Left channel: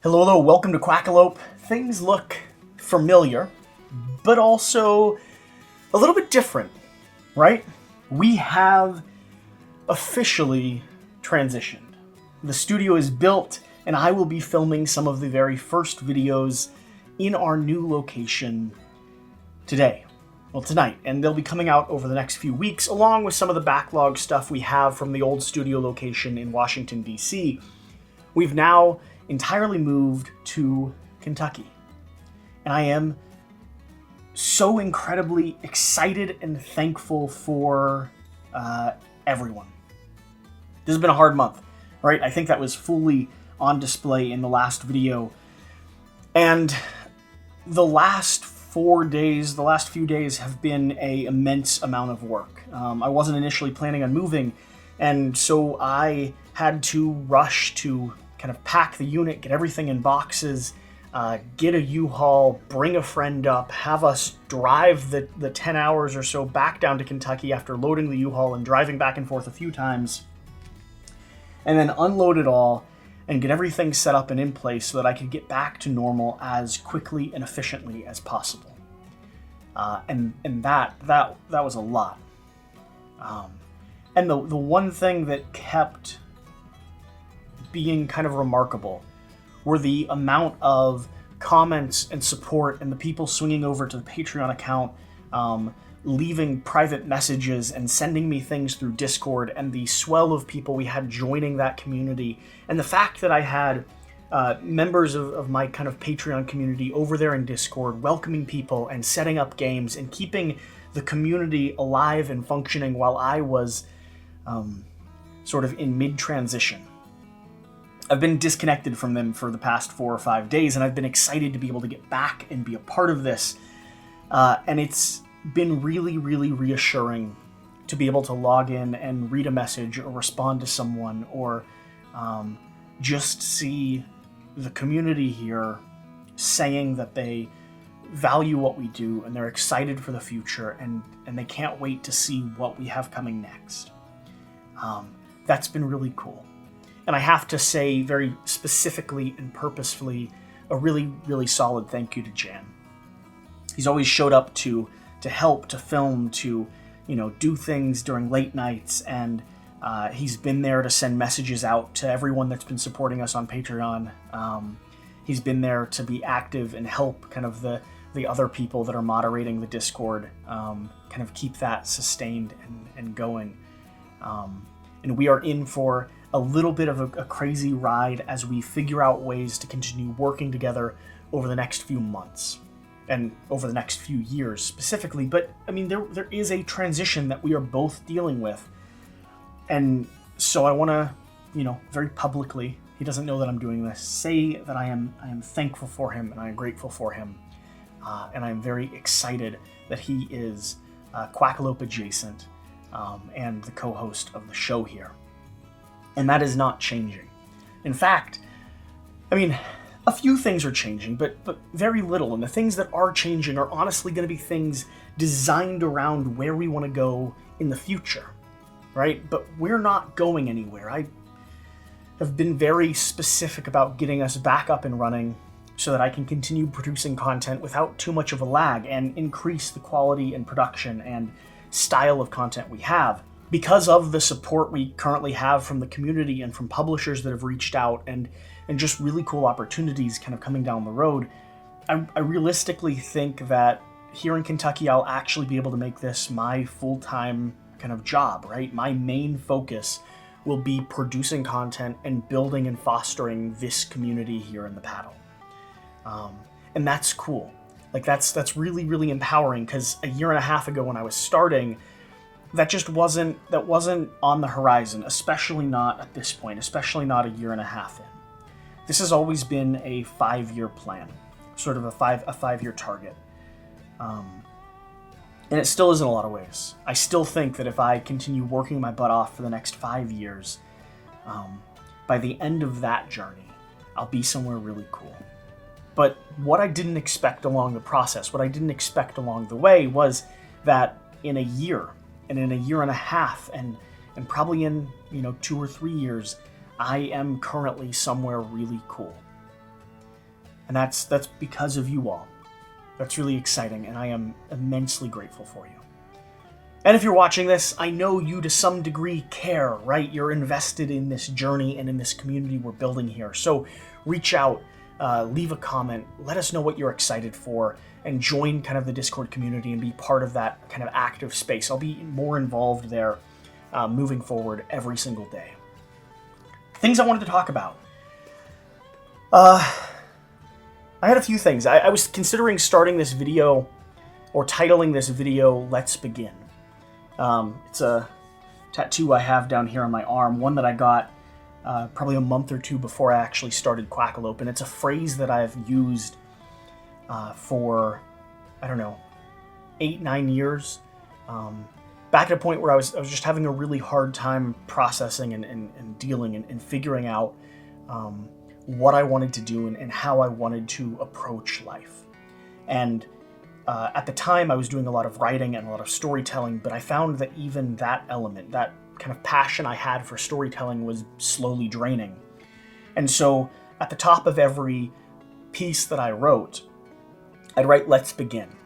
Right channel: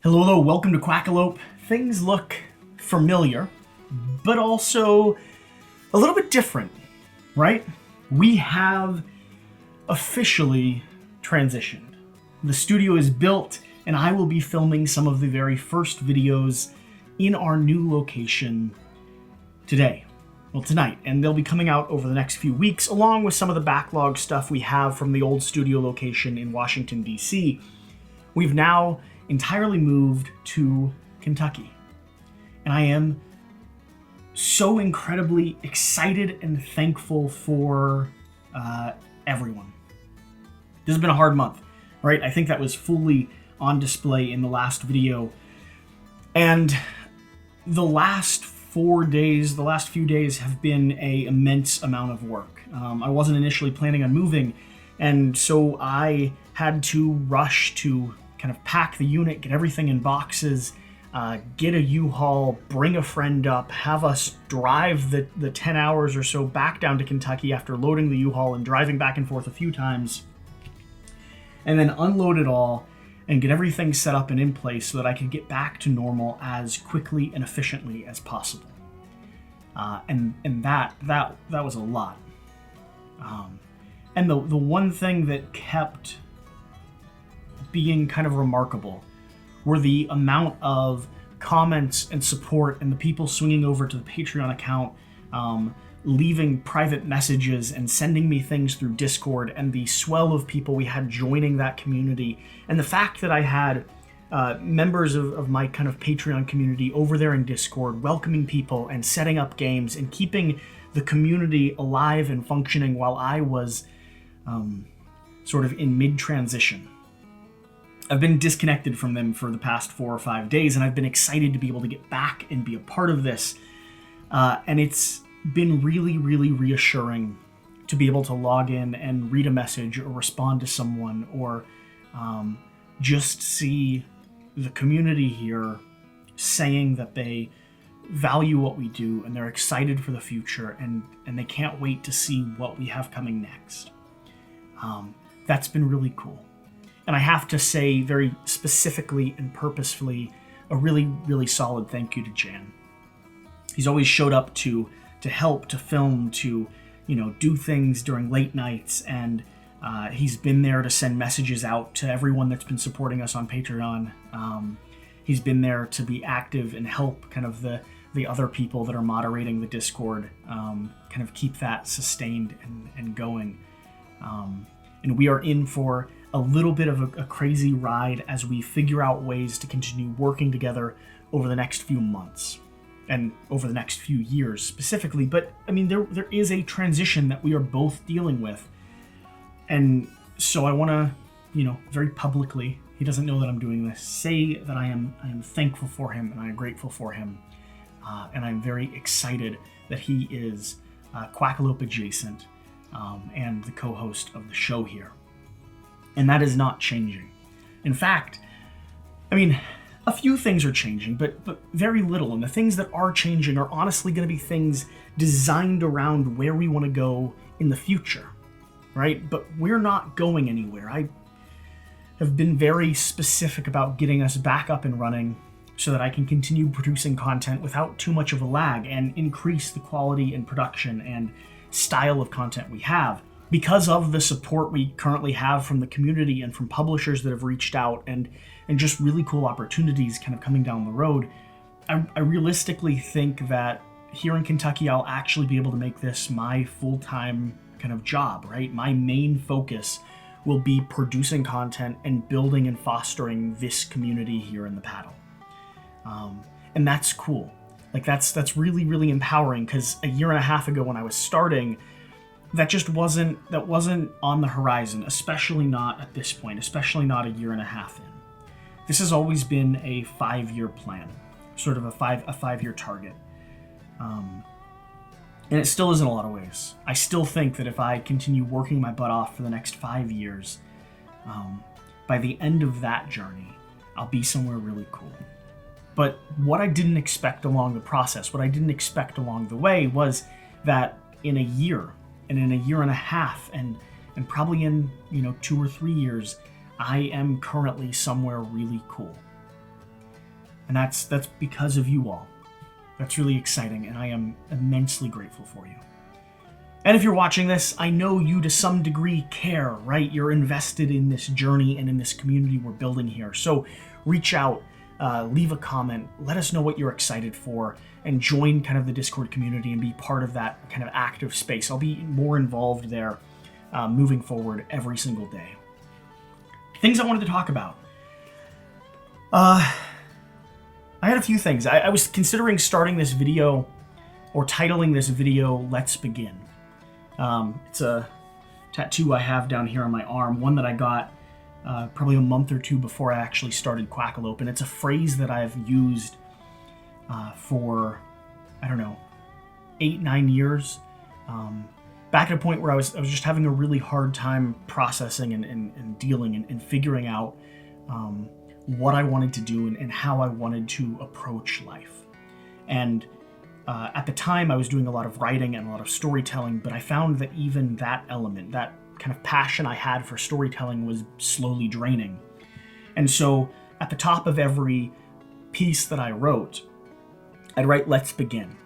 Hello, welcome to Quackalope. Things look familiar, but also a little bit different, right? We have officially transitioned. The studio is built, and I will be filming some of the very first videos in our new location today. Well, tonight, and they'll be coming out over the next few weeks, along with some of the backlog stuff we have from the old studio location in Washington, D.C. We've now entirely moved to Kentucky. And I am so incredibly excited and thankful for everyone. This has been a hard month, right? I think that was fully on display in the last video. And the last few days have been an immense amount of work. I wasn't initially planning on moving, and so I had to rush to kind of pack the unit, get everything in boxes, get a U-Haul, bring a friend up, have us drive the 10 hours or so back down to Kentucky after loading the U-Haul and driving back and forth a few times, and then unload it all and get everything set up and in place so that I could get back to normal as quickly and efficiently as possible. And that was a lot. And the one thing that kept being kind of remarkable were the amount of comments and support and the people swinging over to the Patreon account, leaving private messages and sending me things through Discord, and the swell of people we had joining that community, and the fact that I had members of my kind of Patreon community over there in Discord welcoming people and setting up games and keeping the community alive and functioning while I was sort of in mid-transition. I've been disconnected from them for the past 4 or 5 days, and I've been excited to be able to get back and be a part of this. And it's been really, really reassuring to be able to log in and read a message or respond to someone, or just see the community here saying that they value what we do and they're excited for the future, and they can't wait to see what we have coming next. That's been really cool. And I have to say very specifically and purposefully a really, really solid thank you to Jan. He's always showed up to help, to film, to, do things during late nights, and he's been there to send messages out to everyone that's been supporting us on Patreon. He's been there to be active and help kind of the other people that are moderating the Discord, kind of keep that sustained and going. And we are in for a little bit of a crazy ride as we figure out ways to continue working together over the next few months and over the next few years specifically. But I mean, there is a transition that we are both dealing with. And so I want to, very publicly, he doesn't know that I'm doing this, say that I am thankful for him and I am grateful for him. And I'm very excited that he is Quackalope adjacent and the co-host of the show here. And that is not changing. In fact, I mean, a few things are changing, but very little. And the things that are changing are honestly going to be things designed around where we want to go in the future, right? But we're not going anywhere. I have been very specific about getting us back up and running so that I can continue producing content without too much of a lag and increase the quality and production and style of content we have. Because of the support we currently have from the community and from publishers that have reached out, and just really cool opportunities kind of coming down the road, I realistically think that here in Kentucky, I'll actually be able to make this my full-time kind of job, right? My main focus will be producing content and building and fostering this community here in the paddle. And that's cool. Like that's really, really empowering, because a year and a half ago when I was starting, that just wasn't on the horizon, especially not at this point, especially not a year and a half in. This has always been a 5-year plan, sort of a 5-year target. And it still is in a lot of ways. I still think that if I continue working my butt off for the next 5 years, by the end of that journey, I'll be somewhere really cool. But what I didn't expect along the process, what I didn't expect along the way, was that in a year, and in a year and a half, and probably in 2 or 3 years, I am currently somewhere really cool. And that's because of you all. That's really exciting, and I am immensely grateful for you. And if you're watching this, I know you to some degree care, right? You're invested in this journey and in this community we're building here. So reach out, leave a comment, let us know what you're excited for, and join kind of the Discord community and be part of that kind of active space. I'll be more involved there moving forward every single day. Things I wanted to talk about. I had a few things. I was considering starting this video, or titling this video, Let's Begin. It's a tattoo I have down here on my arm, one that I got probably a month or two before I actually started Quackalope, and it's a phrase that I've used for, 8-9 years. Back at a point where I was just having a really hard time processing and dealing and figuring out what I wanted to do and how I wanted to approach life. And at the time, I was doing a lot of writing and a lot of storytelling, but I found that even that element, that kind of passion I had for storytelling, was slowly draining. And so at the top of every piece that I wrote, I'd write, "Let's begin."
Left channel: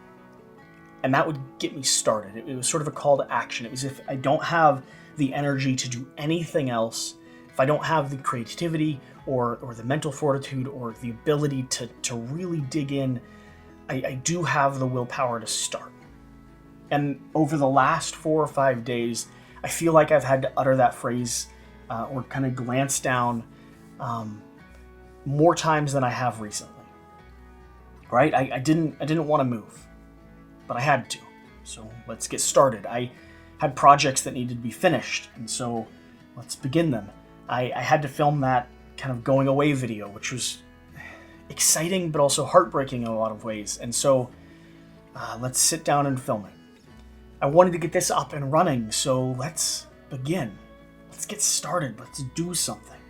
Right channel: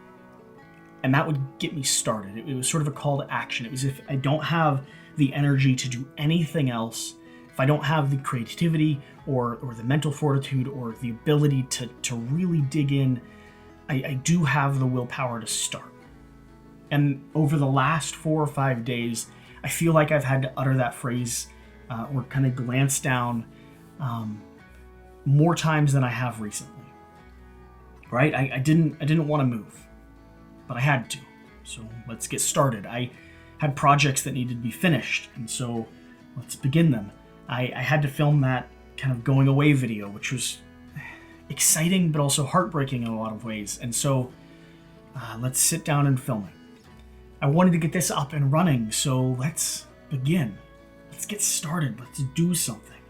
And that would get me started. It was sort of a call to action. It was, if I don't have the energy to do anything else, if I don't have the creativity or the mental fortitude or the ability to really dig in, I do have the willpower to start. And over the last 4 or 5 days, I feel like I've had to utter that phrase or kind of glance down more times than I have recently. Right? I didn't want to move, but I had to. So let's get started. I had projects that needed to be finished, and so let's begin them. I had to film that kind of going away video, which was exciting but also heartbreaking in a lot of ways. And so let's sit down and film it. I wanted to get this up and running, so let's begin. Let's get started. Let's do something.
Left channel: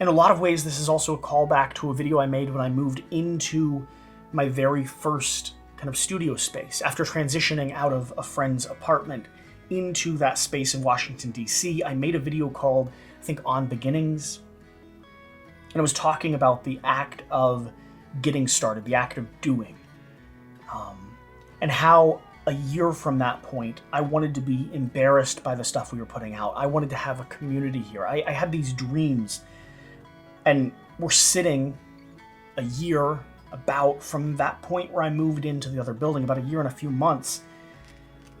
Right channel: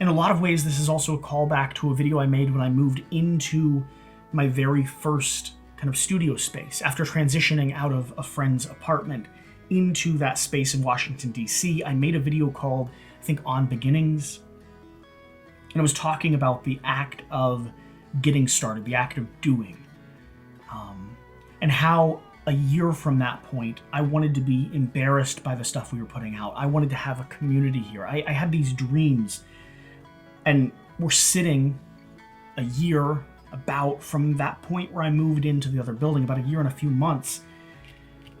In a lot of ways, this is also a callback to a video I made when I moved into my very first kind of studio space. After transitioning out of a friend's apartment into that space in Washington, D.C., I made a video called, I think, On Beginnings. And I was talking about the act of getting started, the act of doing. And how a year from that point, I wanted to be embarrassed by the stuff we were putting out. I wanted to have a community here. I had these dreams. And we're sitting a year about from that point where I moved into the other building, about a year and a few months.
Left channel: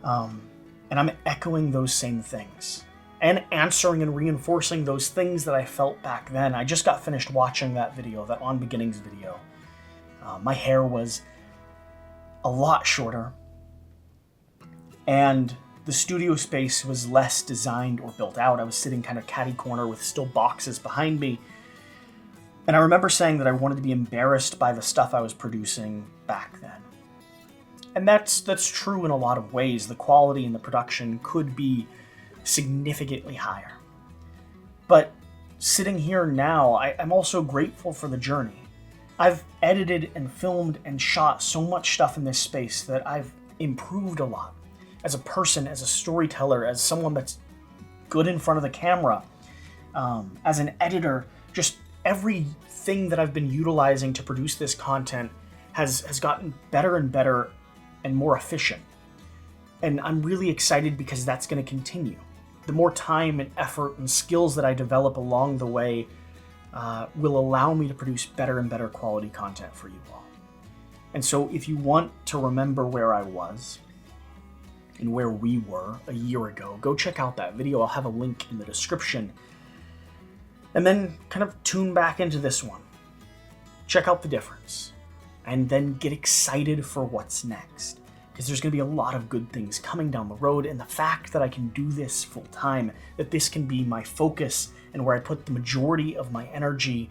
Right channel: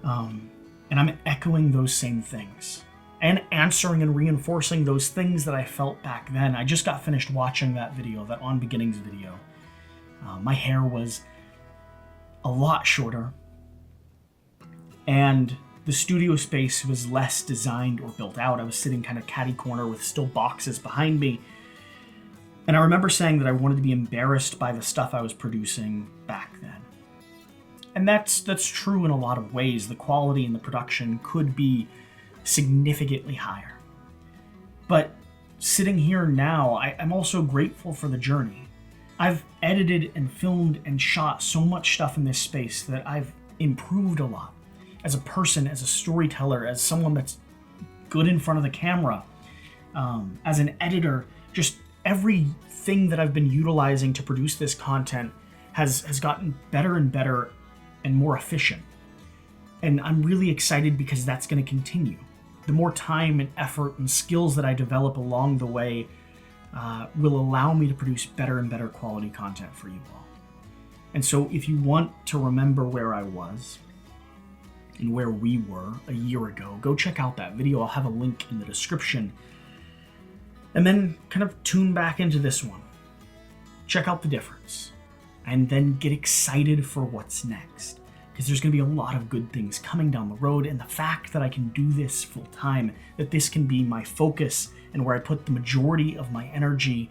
And I'm echoing those same things and answering and reinforcing those things that I felt back then. I just got finished watching that video, that On Beginnings video. My hair was a lot shorter, and the studio space was less designed or built out. I was sitting kind of catty corner with still boxes behind me. And I remember saying that I wanted to be embarrassed by the stuff I was producing back then. And that's true in a lot of ways. The quality and the production could be significantly higher. But sitting here now, I'm also grateful for the journey. I've edited and filmed and shot so much stuff in this space that I've improved a lot. As a person, as a storyteller, as someone that's good in front of the camera, as an editor, just everything that I've been utilizing to produce this content has gotten better and better and more efficient. And I'm really excited because that's going to continue. The more time and effort and skills that I develop along the way will allow me to produce better and better quality content for you all. And so if you want to remember where I was and where we were a year ago, go check out that video. I'll have a link in the description. And then kind of tune back into this one. Check out the difference. and then get excited for what's next. Because there's going to be a lot of good things coming down the road, and the fact that I can do this full time, that this can be my focus and where I put the majority of my energy,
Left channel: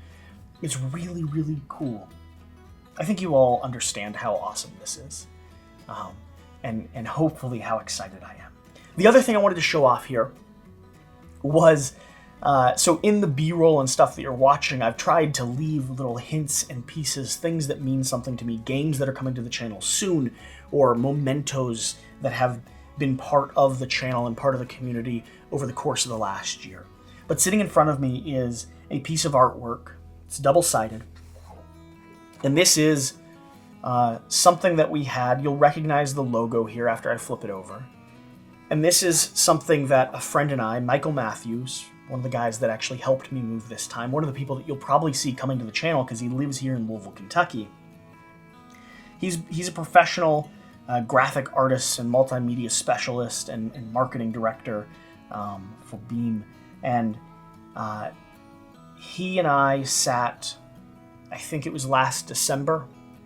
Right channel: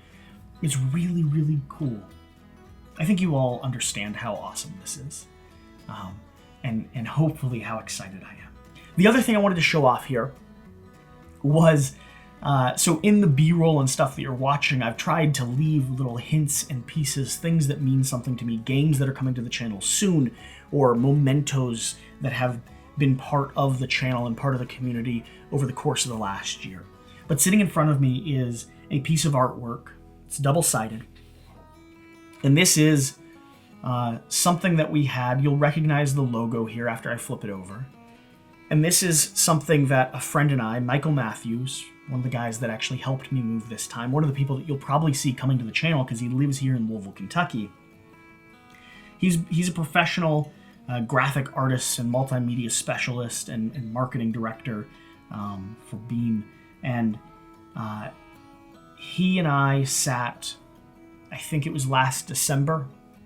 is really, really cool. I think you all understand how awesome this is, and hopefully how excited I am. The other thing I wanted to show off here was, so in the B-roll and stuff that you're watching, I've tried to leave little hints and pieces, things that mean something to me, games that are coming to the channel soon, or mementos that have been part of the channel and part of the community over the course of the last year. But sitting in front of me is a piece of artwork. It's double-sided. And this is something that we had. You'll recognize the logo here after I flip it over. And this is something that a friend and I, Michael Matthews, one of the guys that actually helped me move this time, one of the people that you'll probably see coming to the channel because he lives here in Louisville, Kentucky. He's a professional graphic artist and multimedia specialist and marketing director for Beam. And he and I sat, I think it was last December,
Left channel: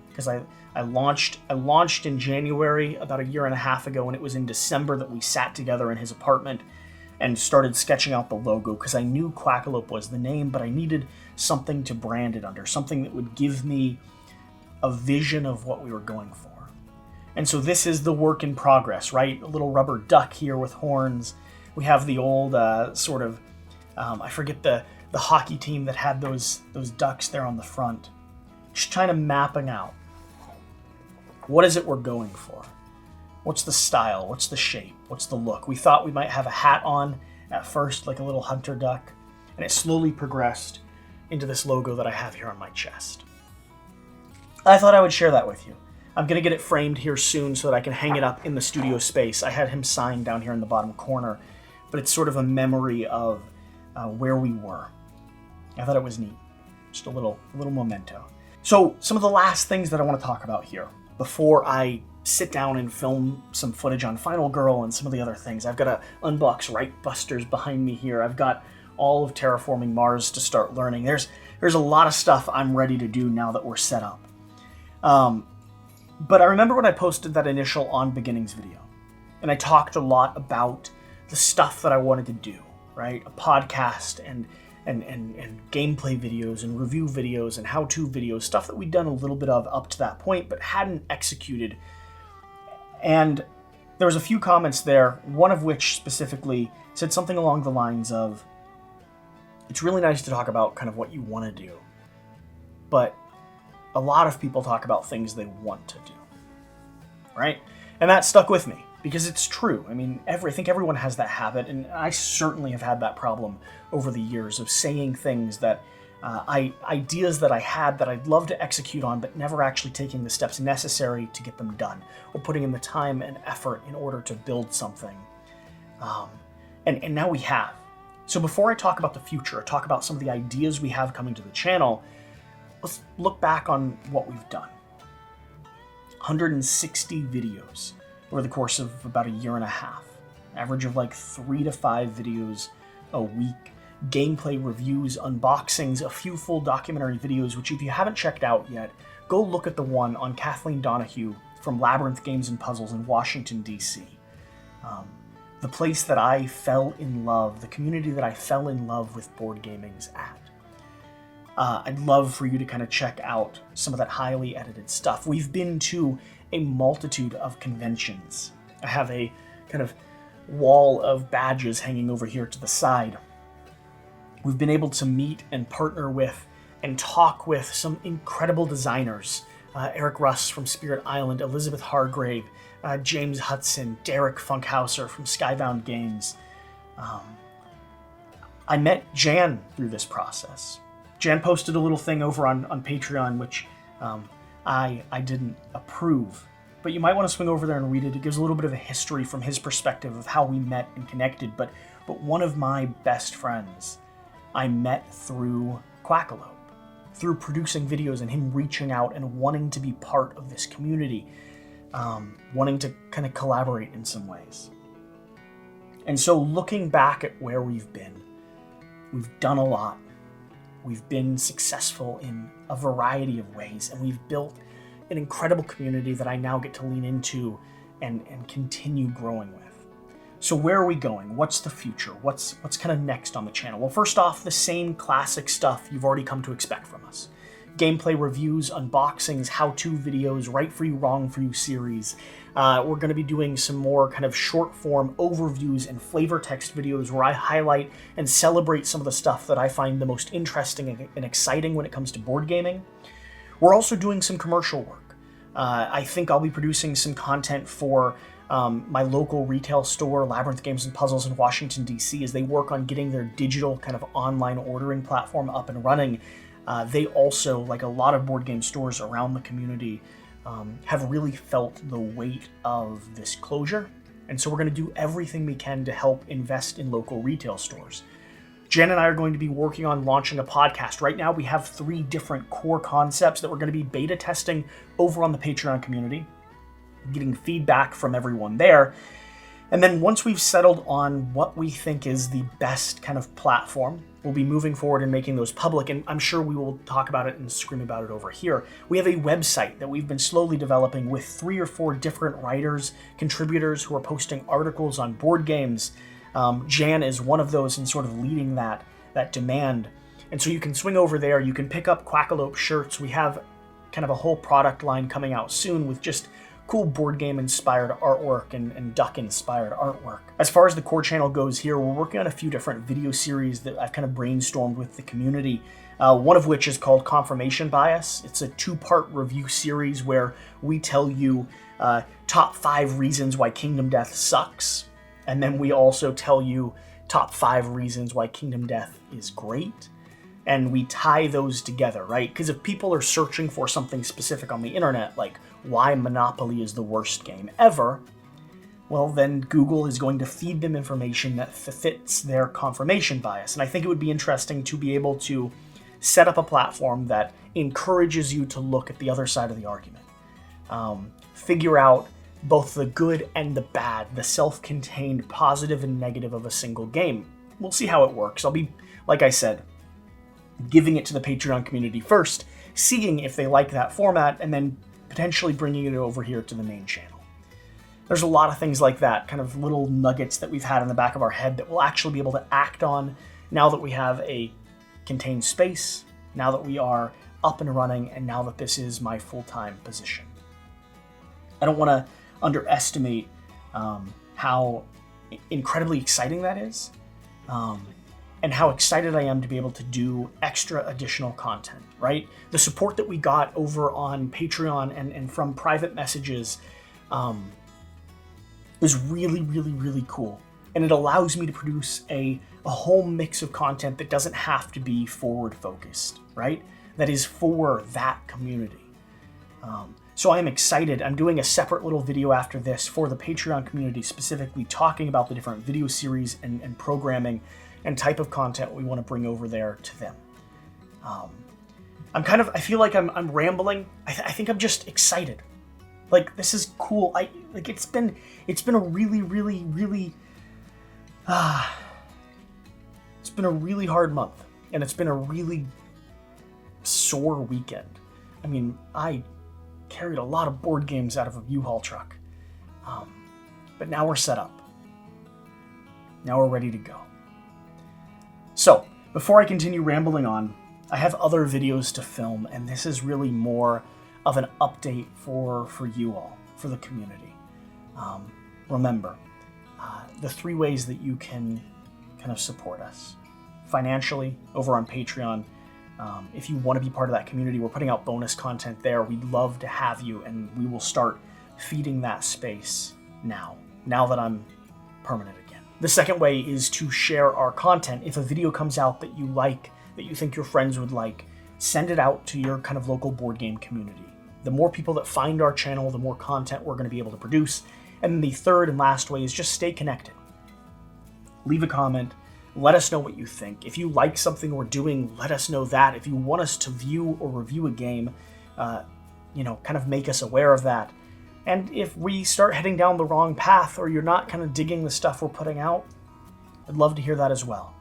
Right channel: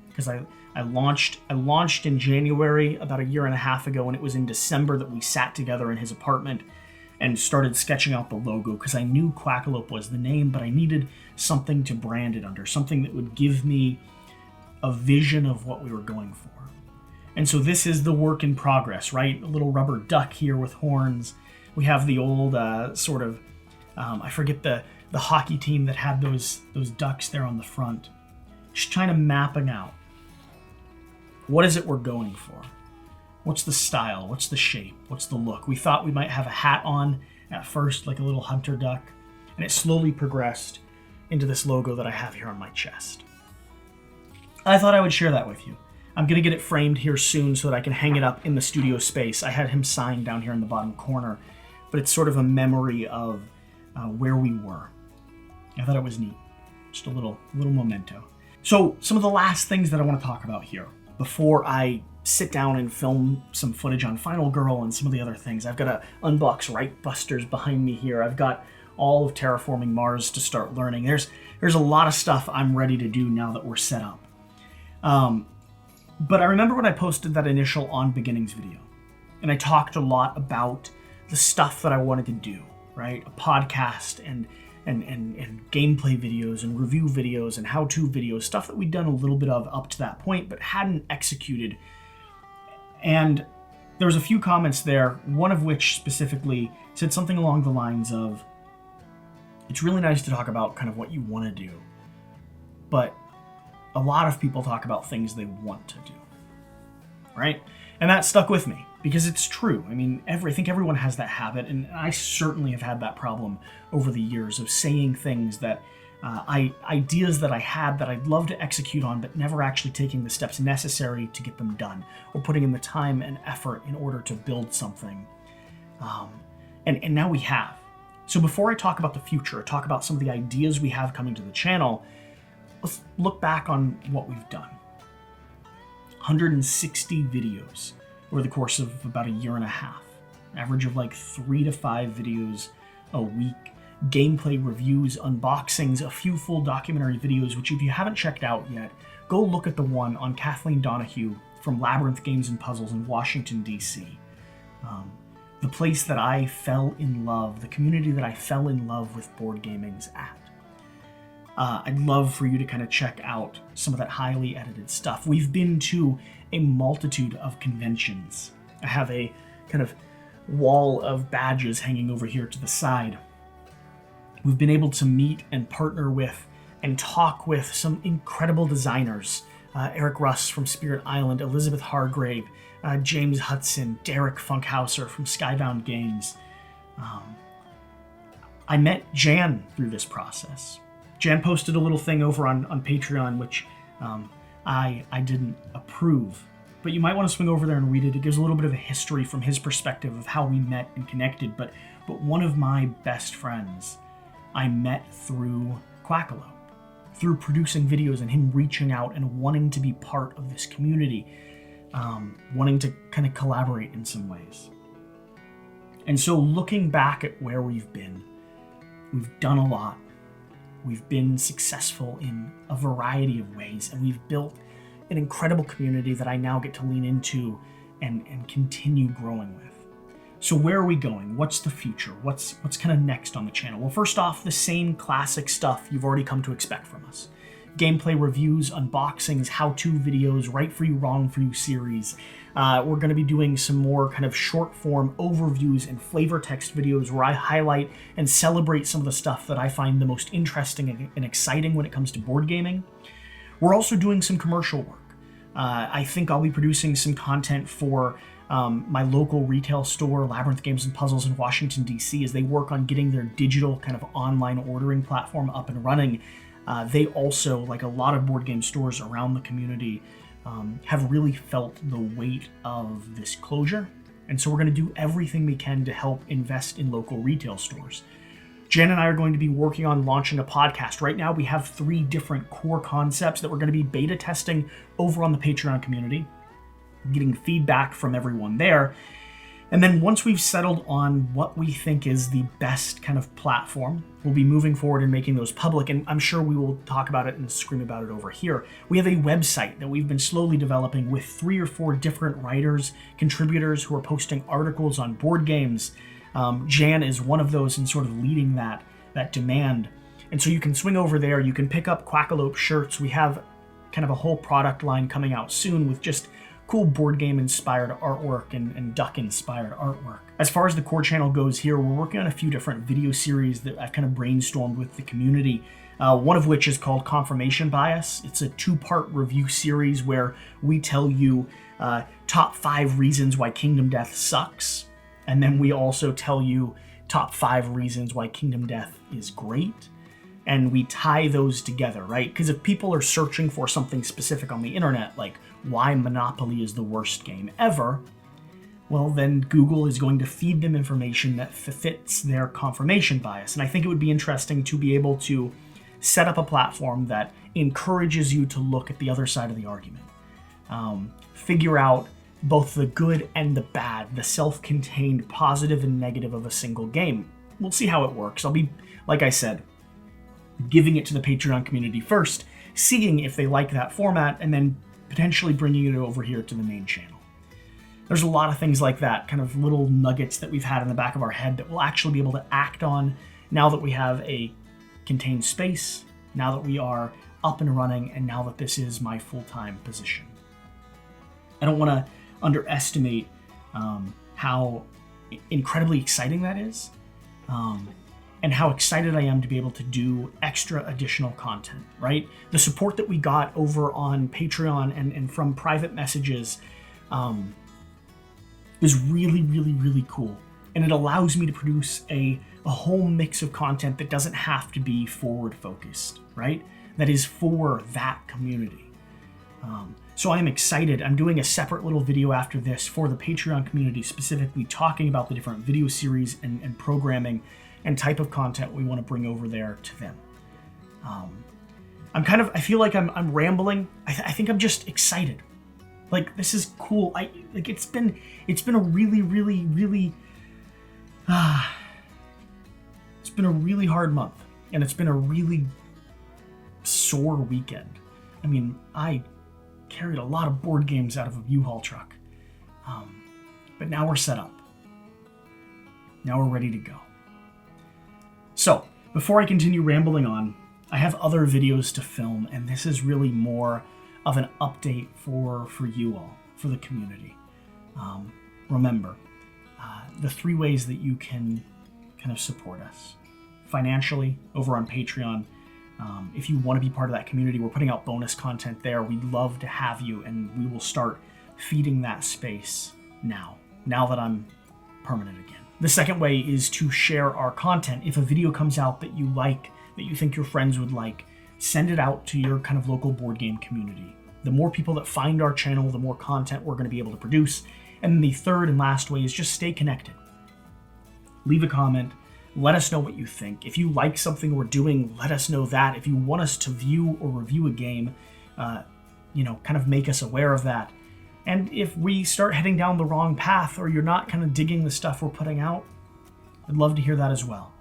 because I launched in January about a year and a half ago, and it was in December that we sat together in his apartment and started sketching out the logo, because I knew Quackalope was the name, but I needed something to brand it under, something that would give me a vision of what we were going for. And so this is the work in progress, right? A little rubber duck here with horns. We have the old sort of, I forget the hockey team that had those ducks there on the front. Just trying to mapping out, what is it we're going for? What's the style? What's the shape? What's the look? We thought we might have a hat on at first, like a little hunter duck, and it slowly progressed into this logo that I have here on my chest. I thought I would share that with you. I'm going to get it framed here soon so that I can hang it up in the studio space. I had him signed down here in the bottom corner, but it's sort of a memory of where we were. I thought it was neat. Just a little memento. So some of the last things that I want to talk about here before I sit down and film some footage on Final Girl and some of the other things. I've got to unbox Right Busters behind me here. I've got all of Terraforming Mars to start learning. There's a lot of stuff I'm ready to do now that we're set up. But I remember when I posted that initial On Beginnings video, and I talked a lot about the stuff that I wanted to do, right? A podcast and gameplay videos and review videos and how-to videos, stuff that we'd done a little bit of up to that point, but hadn't executed. And there was a few comments there, one of which specifically said something along the lines of, it's really nice to talk about kind of what you want to do, but a lot of people talk about things they want to do, right? And that stuck with me because it's true. I mean, I think everyone has that habit, and I certainly have had that problem over the years of saying things that ideas that I had that I'd love to execute on, but never actually taking the steps necessary to get them done, or putting in the time and effort in order to build something. And now we have. So before I talk about the future, talk about some of the ideas we have coming to the channel, let's look back on what we've done. 160 videos over the course of about a year and a half. Average of like 3 to 5 videos a week. Gameplay reviews, unboxings, a few full documentary videos, which if you haven't checked out yet, go look at the one on Kathleen Donahue from Labyrinth Games and Puzzles in Washington, D.C. The place that I fell in love, the community that I fell in love with board gaming's at. I'd love for you to kind of check out some of that highly edited stuff. We've been to a multitude of conventions. I have a kind of wall of badges hanging over here to the side. We've been able to meet and partner with and talk with some incredible designers. Eric Russ from Spirit Island, Elizabeth Hargrave, James Hudson, Derek Funkhauser from Skybound Games. I met Jan through this process. Jan posted a little thing over on Patreon, which I didn't approve. But you might want to swing over there and read it. It gives a little bit of a history from his perspective of how we met and connected. But one of my best friends I met through Quackalope, through producing videos and him reaching out and wanting to be part of this community, wanting to kind of collaborate in some ways. And so looking back at where we've done a lot. We've been successful in a variety of ways, and we've built an incredible community that I now get to lean into and continue growing with. So where are we going? What's the future? What's kind of next on the channel? Well, first off, the same classic stuff you've already come to expect from us. Gameplay reviews, unboxings, how-to videos, right for you, wrong for you series. We're going to be doing some more kind of short-form overviews and flavor text videos where I highlight and celebrate some of the stuff that I find the most interesting and exciting when it comes to board gaming. We're also doing some commercial work. I think I'll be producing some content for my local retail store, Labyrinth Games and Puzzles in Washington, D.C., as they work on getting their digital kind of online ordering platform up and running. They also, like a lot of board game stores around the community, have really felt the weight of this closure. And so we're going to do everything we can to help invest in local retail stores. Jen and I are going to be working on launching a podcast. Right now we have 3 different core concepts that we're going to be beta testing over on the Patreon community, getting feedback from everyone there. And then once we've settled on what we think is the best kind of platform, we'll be moving forward and making those public, and I'm sure we will talk about it and scream about it over here. We have a website that we've been slowly developing with 3 or 4 different writers, contributors who are posting articles on board games. Jan is one of those and sort of leading that demand. And so you can swing over there, you can pick up Quackalope shirts. We have kind of a whole product line coming out soon with just cool board game inspired artwork and duck inspired artwork. As far as the core channel goes here, we're working on a few different video series that I've kind of brainstormed with the community. One of which is called Confirmation Bias. It's a 2-part review series where we tell you top 5 reasons why Kingdom Death sucks. And then we also tell you top 5 reasons why Kingdom Death is great. And we tie those together, right? Because if people are searching for something specific on the internet, like why Monopoly is the worst game ever, well, then Google is going to feed them information that fits their confirmation bias. And I think it would be interesting to be able to set up a platform that encourages you to look at the other side of the argument. Figure out both the good and the bad, the self-contained positive and negative of a single game. We'll see how it works. I'll be, like I said, giving it to the Patreon community first, seeing if they like that format, and then potentially bringing it over here to the main channel. There's a lot of things like that, kind of little nuggets that we've had in the back of our head that we'll actually be able to act on now that we have a contained space, now that we are up and running, and now that this is my full-time position. I don't want to underestimate how incredibly exciting that is. And how excited I am to be able to do extra additional content, right? The support that we got over on Patreon and from private messages is really, really, really cool. And it allows me to produce a whole mix of content that doesn't have to be forward-focused, right? That is for that community. So I am excited. I'm doing a separate little video after this for the Patreon community, specifically talking about the different video series and programming and type of content we want to bring over there to them. I feel like I'm rambling. I think I'm just excited. Like, this is cool. It's been a really, really, really, it's been a really hard month, and it's been a really sore weekend. I mean, I carried a lot of board games out of a U-Haul truck, but now we're set up. Now we're ready to go. So, before I continue rambling on, I have other videos to film, and this is really more of an update for you all, for the community. Remember, the 3 ways that you can kind of support us. Financially, over on Patreon. If you want to be part of that community, we're putting out bonus content there. We'd love to have you, and we will start feeding that space now that I'm permanent again. The second way is to share our content. If a video comes out that you like, that you think your friends would like, send it out to your kind of local board game community. The more people that find our channel, the more content we're going to be able to produce. And then the third and last way is just stay connected. Leave a comment. Let us know what you think. If you like something we're doing, let us know that. If you want us to view or review a game, kind of make us aware of that. And if we start heading down the wrong path, or you're not kind of digging the stuff we're putting out, I'd love to hear that as well.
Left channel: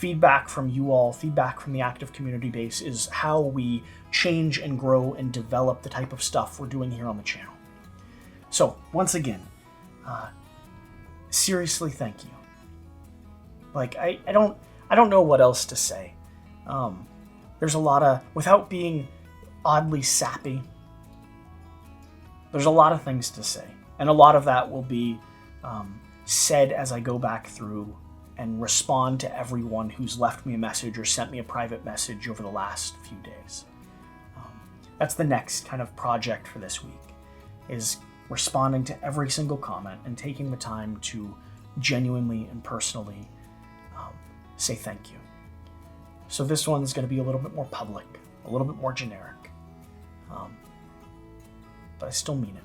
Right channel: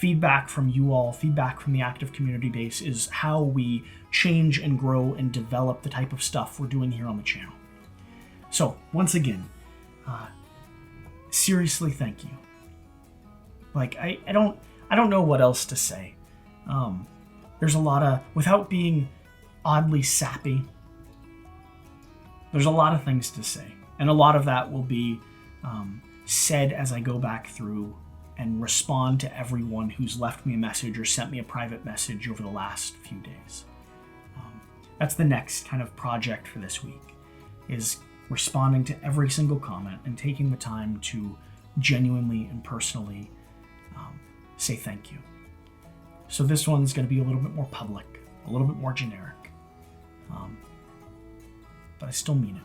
feedback from you all, feedback from the active community base is how we change and grow and develop the type of stuff we're doing here on the channel. So once again, seriously, thank you. Like, I don't know what else to say. There's a lot of, without being oddly sappy, there's a lot of things to say. And a lot of that will be said as I go back through and respond to everyone who's left me a message or sent me a private message over the last few days. That's the next kind of project for this week, is responding to every single comment and taking the time to genuinely and personally say thank you. So this one's going to be a little bit more public, a little bit more generic, but I still mean it.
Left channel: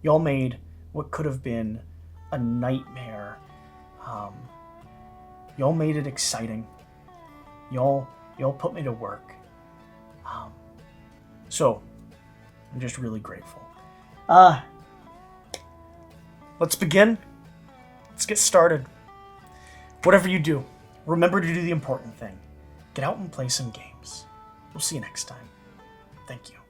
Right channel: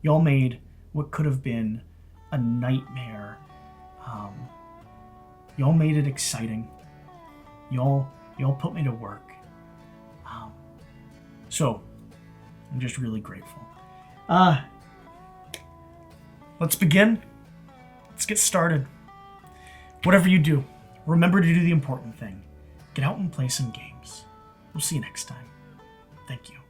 Y'all made what could have been a nightmare. Y'all made it exciting. Y'all put me to work. So I'm just really grateful. Let's begin. Let's get started. Whatever you do, remember to do the important thing. Get out and play some games. We'll see you next time. Thank you.